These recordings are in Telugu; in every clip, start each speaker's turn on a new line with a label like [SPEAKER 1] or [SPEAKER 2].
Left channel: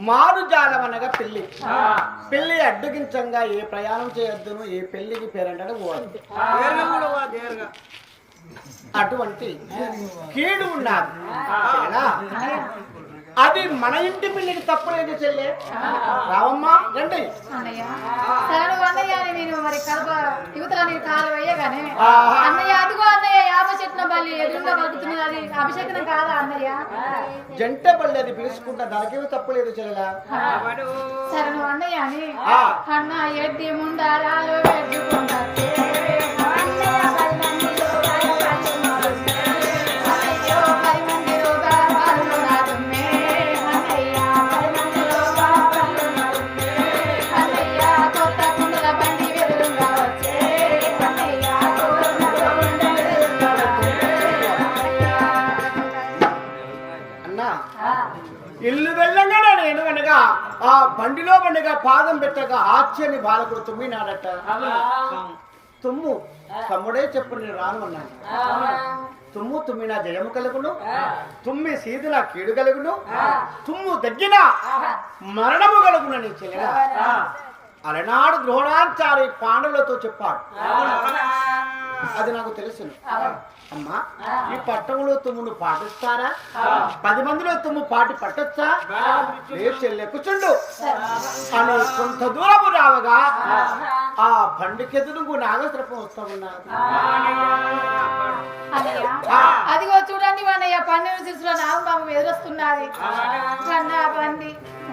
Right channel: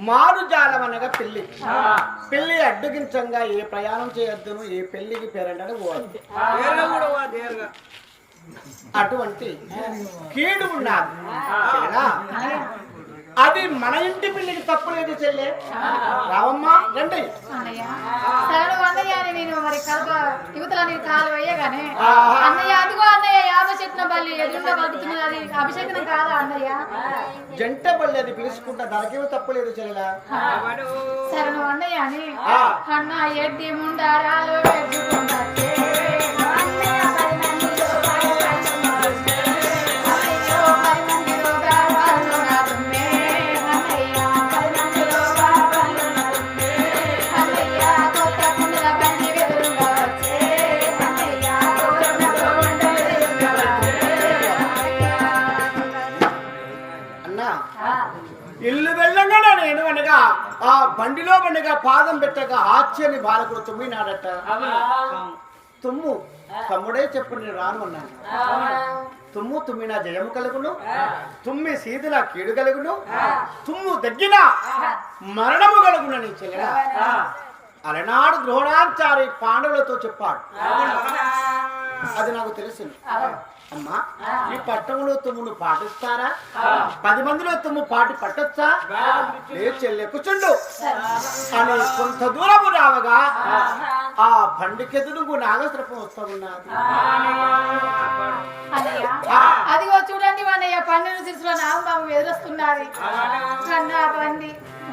[SPEAKER 1] మారు జాలం అనగా పెళ్ళి పెళ్ళి అడ్డగించంగా ఏ ప్రయాణం చేయొద్దును ఏ పెళ్ళికి పేరంటే పోవద్దు అటువంటి కీడు ఉన్నది సరేనా? అది మన ఇంటి పెళ్ళికి తప్పులేదు చెల్లె. రావమ్మా రండి.
[SPEAKER 2] అన్నయ్య నేను మరి కడప యువతల కాలు వేయగానే
[SPEAKER 1] ఆహా.
[SPEAKER 2] అన్నయ్య అదిగో బల్లి ఎదురుగా అది అభిషేకం కాదా అన్నయ్య?
[SPEAKER 1] జంట పల్లి అది పిలుచుకుంటా. దానికేమో తప్పులేదు చెల్లెలా.
[SPEAKER 2] సరే అన్నయ్య అని. అన్న ఎడ్డి ముండారాలు ఎడ్డుకుంటే
[SPEAKER 1] అన్నా. ఇల్లు వెళ్ళంగానే నేను అనగా ఆ బండిలో బండిగా పాదం పెట్టగా ఆశ్చర్య బాలకుడు తుమ్మి నాడట తుమ్ము. తమ్ముడే చెప్పు నేను రాను అన్నాను. తుమ్ము తుమ్మిన జయము కలుగును. తుమ్మి సీదున కీడు కలుగును. తుమ్ము దగ్గిన మరణము కలుగును నీ అలనాడు ద్రోణాచారి పాండవులతో చెప్పాడు. అది నాకు తెలుసు అమ్మా ఈ పట్టణంలో తుమ్మును పాటిస్తారా? పది మందిలో తుమ్ము పాటి పట్టొచ్చా? లే చెల్లె కూర్చుండు. అని కొంత దూరము రావగా ఆ. బండికెదురుగు నాగసర్పం వస్తా
[SPEAKER 2] అన్నయ్య అదిగో చూడండి అన్నయ్య పన్నెండు శిశుల నాగబాబు ఎదురొస్తున్నది అన్న బండి.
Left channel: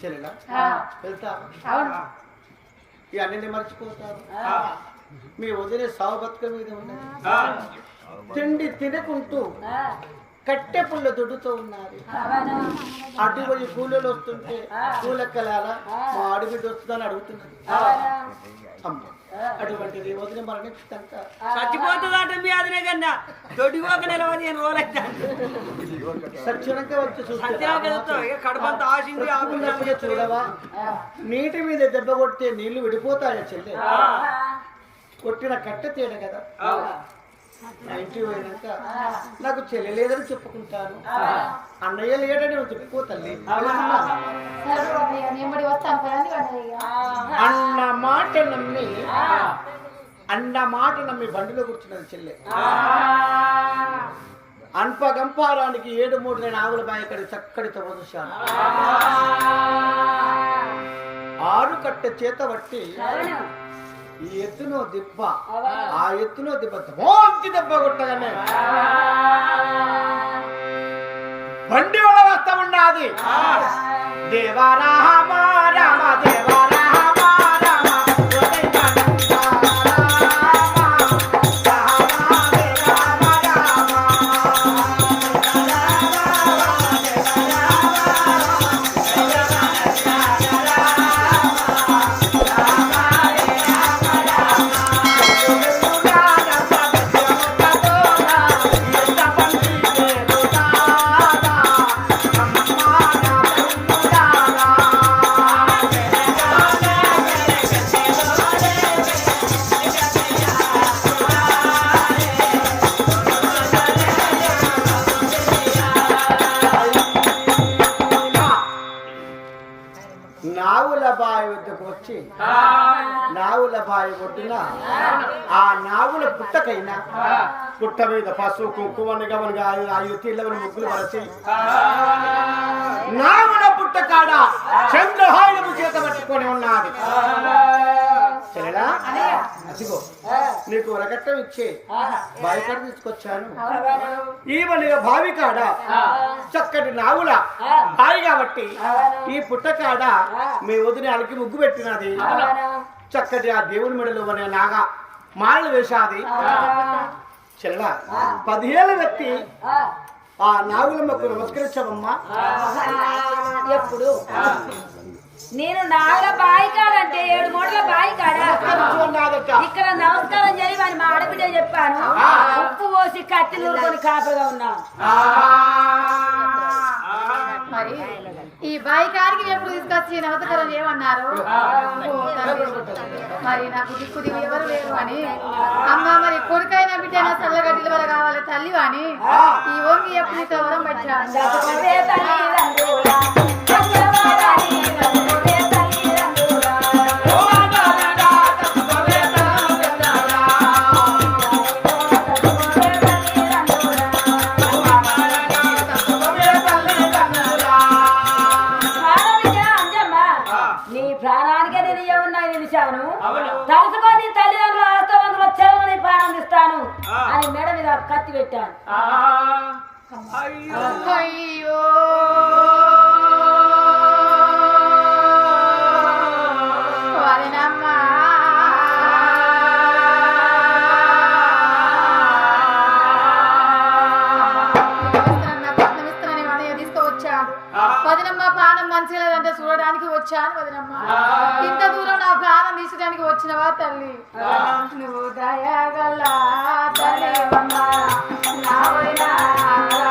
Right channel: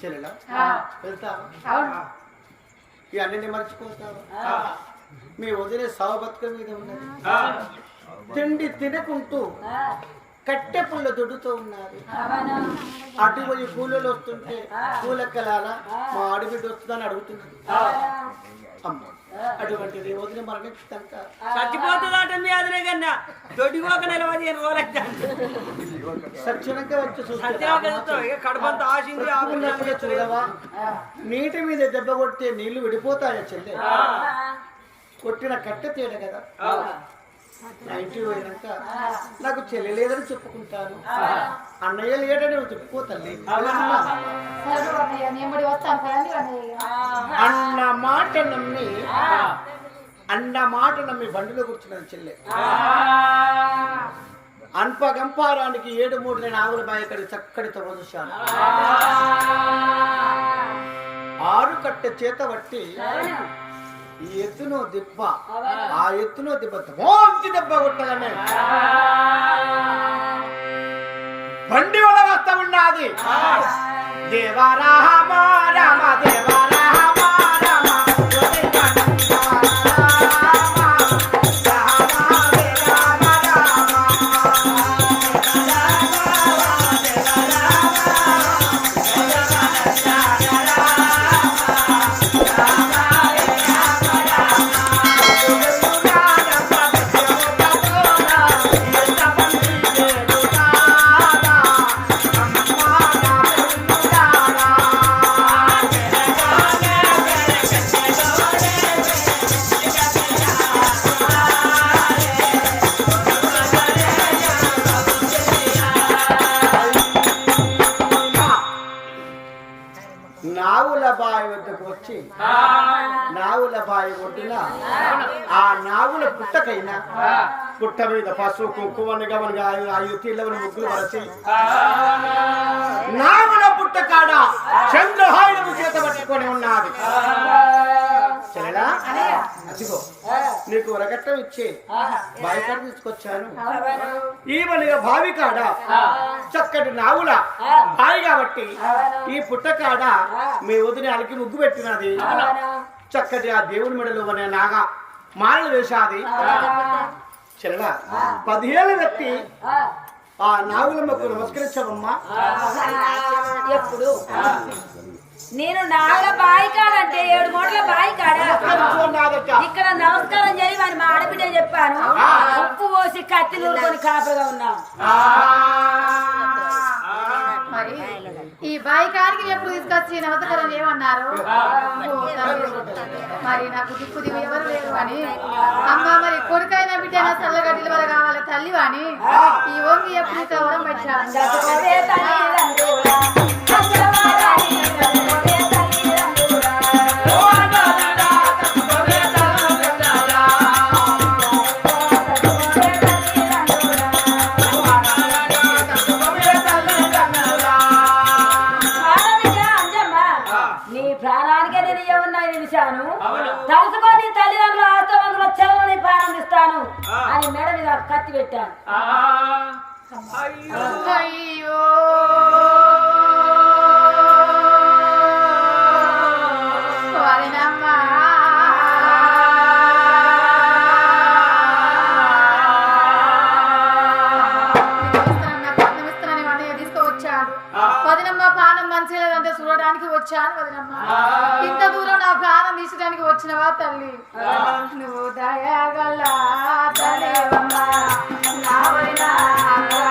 [SPEAKER 1] చెల్లెలా?
[SPEAKER 2] ఆ,
[SPEAKER 1] వెళ్తా
[SPEAKER 2] అవును.
[SPEAKER 1] ఈ అన్ని మర్చిపోతారు మీ వదిలే సావు బతుక మీద ఉన్నది. తిండి తినకుంటూ కట్టె పుల్ల దొడ్డుతో ఉన్నారు అటు పోయి కూలీలు వస్తుంటే కూలెక్కలాల మా అడిగిడ్డ వస్తుందని అడుగుతున్నది. అమ్మ.
[SPEAKER 3] చచ్చిపోతుందట మీ అదనే కన్నా.
[SPEAKER 1] వచ్చి
[SPEAKER 3] కడుపంత ఆశించి
[SPEAKER 1] చూడవా? నీటి మీద దెబ్బ కొడితే నీళ్ళు విడిపోతాయా చెల్లె? కొట్టిన కట్టె తేడ కదా. నా ఇంటికి పోయినాక నాకు చెల్లి లేదని చెప్పుకుంటాను. అన్నయ్య లేడని చెప్పుకో తల్లి. అన్న మాట నమ్మి అన్న మాట నమ్మి బండిలో కూర్చున్నది చెల్లె. అన్పగంపారానికి ఏడు మూడు నేను ఆవుల బాయకడి చక్కడి తొడదుశాను ఆరు కట్టె చేత పట్టి ఈ ఎత్తునో దిబ్బ. ఆ ఎత్తునో దిబ్బ మోంచి దెబ్బ కొట్టగానే బండి వల్ల వస్తా ఉన్నది దేవా రామ రామ దేవా నావుల బావి వద్దకు వచ్చి నావుల బావి ఒడ్డున ఆ నావుల పుట్టకైనా పుట్ట మీద పసుపు కుంకుమని గమనిగా ఐదు తీళ్ళవని ముగ్గులు వరచి నావుల పుట్ట కాడ చంద్రహాయుధము చేత పట్టుకొని ఉన్నది అదిగో. నీకు వరకట్టం ఇచ్చే. బావి కాడ తీసుకొచ్చాను. ఈవనిగా బావి కాడ? చక్కటి నావుల బావి కాబట్టి ఈ పుట్ట కాడ మీ వదిన అలికి ముగ్గు పెట్టినది. చక్కటి ఆ దేవుని మెడలో మన నాగా మాలలు వేశాది. చెల్ల పదిహేళ్ళ వ్యక్తి
[SPEAKER 3] ఆ,
[SPEAKER 1] ఆ నాగులమ్మకు నమస్కరించవమ్మా.
[SPEAKER 3] ఎప్పుడు? నేను నాగల బాయి కాడంటే ఏడు మూటల బాయి కాడ? ఇక్కడ నమస్కారం చేయి వాని మా ఆడబిడ్డ చెప్పాను. ఉప్పు పోసి కత్తి నూరుకొని కాపలుగా ఉన్నాం
[SPEAKER 2] మరి ఈ బాయి కాడికి ఎప్పుడు తీసుకొచ్చి నమస్కారం చేయమన్నారు? తల్లి. మరి నాకు దిక్కు దిగు ఎవరు లేరు అని. అమ్మ మరి కొడుకైనా బిడ్డైనా చల్లగడ్డలు వల్ల కావాలి తల్లి అని ఈ ఓంగి ఎప్పుడు ఇట్లా వరం
[SPEAKER 3] కత్తి పెట్టాను
[SPEAKER 2] వదినమ్మ ప్రాణం మంచిగా లేదంటే చూడడానికి వచ్చాను వదినమ్మ. ఇంత దూరం నా ప్రాణం తీసడానికి వచ్చినవా తల్లి? నువ్వు దయగల తల్లివమ్మ నా వదినా నా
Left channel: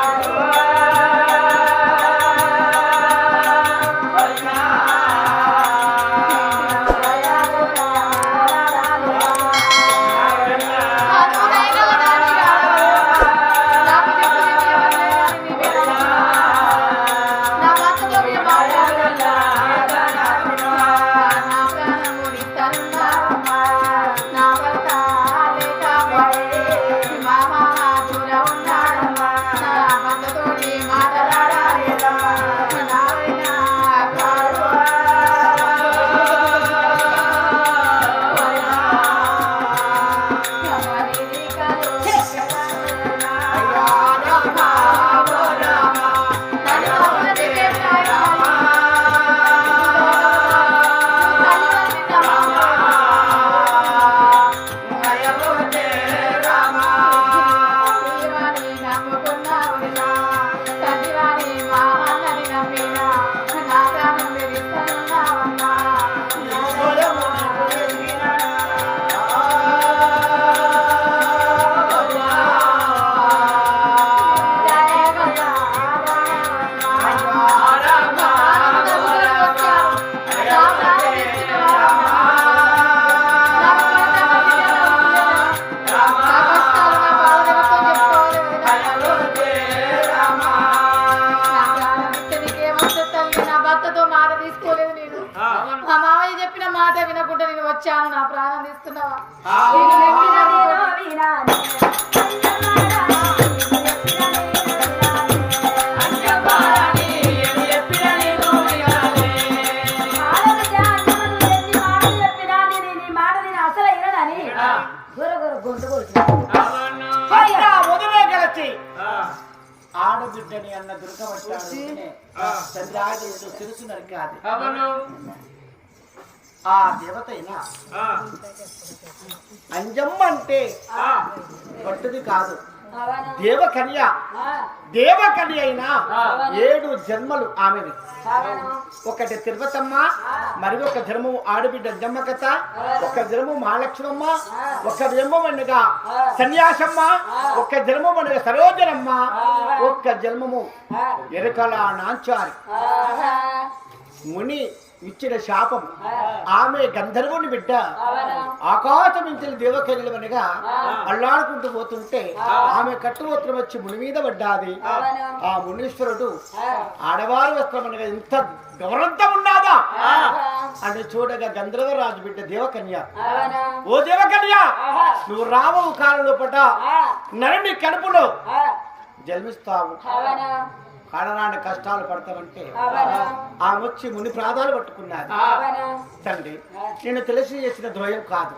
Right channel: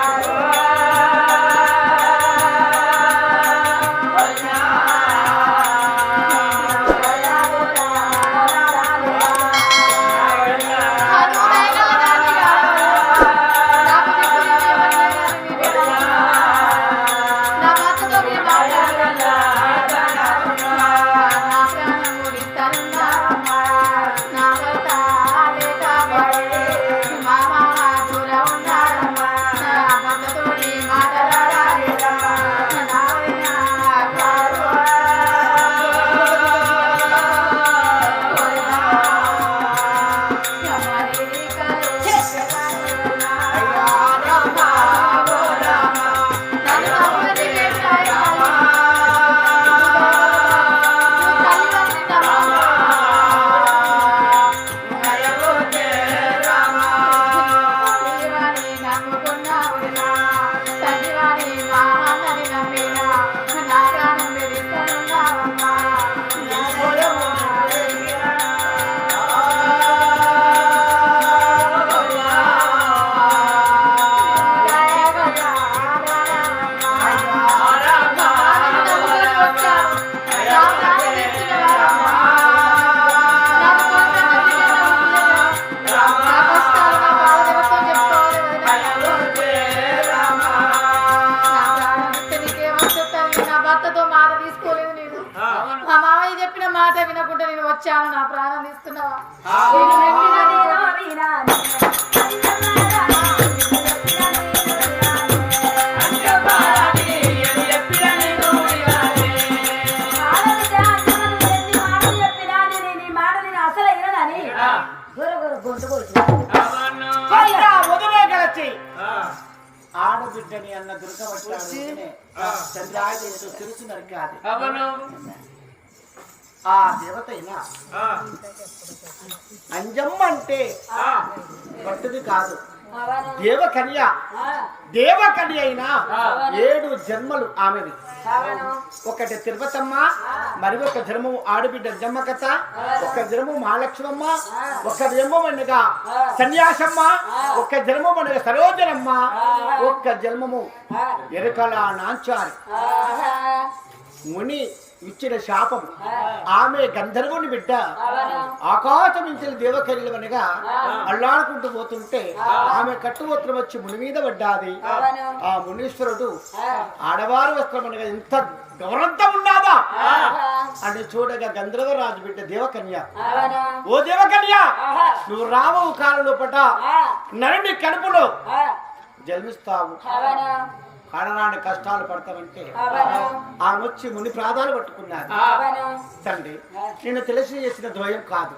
[SPEAKER 2] వచ్చాను నా ప్రాణం
[SPEAKER 1] కలిసి ఆడబిడ్డని అన్న దుర్గవచ్చాడు చంద్రాయుడు తిరుసు నరికాది ఆ దేవత అయినా అంజమ్మ అంటే పట్టుది కాదు. దేవకన్య. దేవకన్య అయినా ఏడు జన్మలు ఆమెది. ఒకటి తిరుపతమ్మ మరి ఒక జన్మము ఆడబిడ్డ జమ్మ కథ ఒక జన్మము మహాలక్ష్మమ్మ ఒక జన్మం అనగా సన్యాసమ్మ ఒక జన్మం అనగా సరోజనమ్మ ఒక్క జన్మము ఎరకల నాంచారి. ముని ఇచ్చిన శాపం. ఆమె గంధర్వుని బిడ్డ. ఆకాశం నుంచి దేవకన్యలు అనగా అల్లాడుకుంటూ పోతుంటే ఆమె కట్టువస్త్రం వచ్చి ముని మీద పడ్డాది. ఆ మునీశ్వరుడు ఆడవారి వస్త్రం అనగా ఇంత గౌరవంతం ఉన్నాదా అని చూడగా గంధర్వరాజు బిడ్డ దేవకన్య ఓ దేవకన్య నువ్వు రావవు కాలంలో పట నరుని కడుపులో జన్మిస్తావు. పడరాని కష్టాలు పడతామంటే ఆమె వచ్చి ముని ప్రాధాలు పట్టుకున్నారు తండ్రి నేను తెలిసి చేసిన ద్వయం కాదు.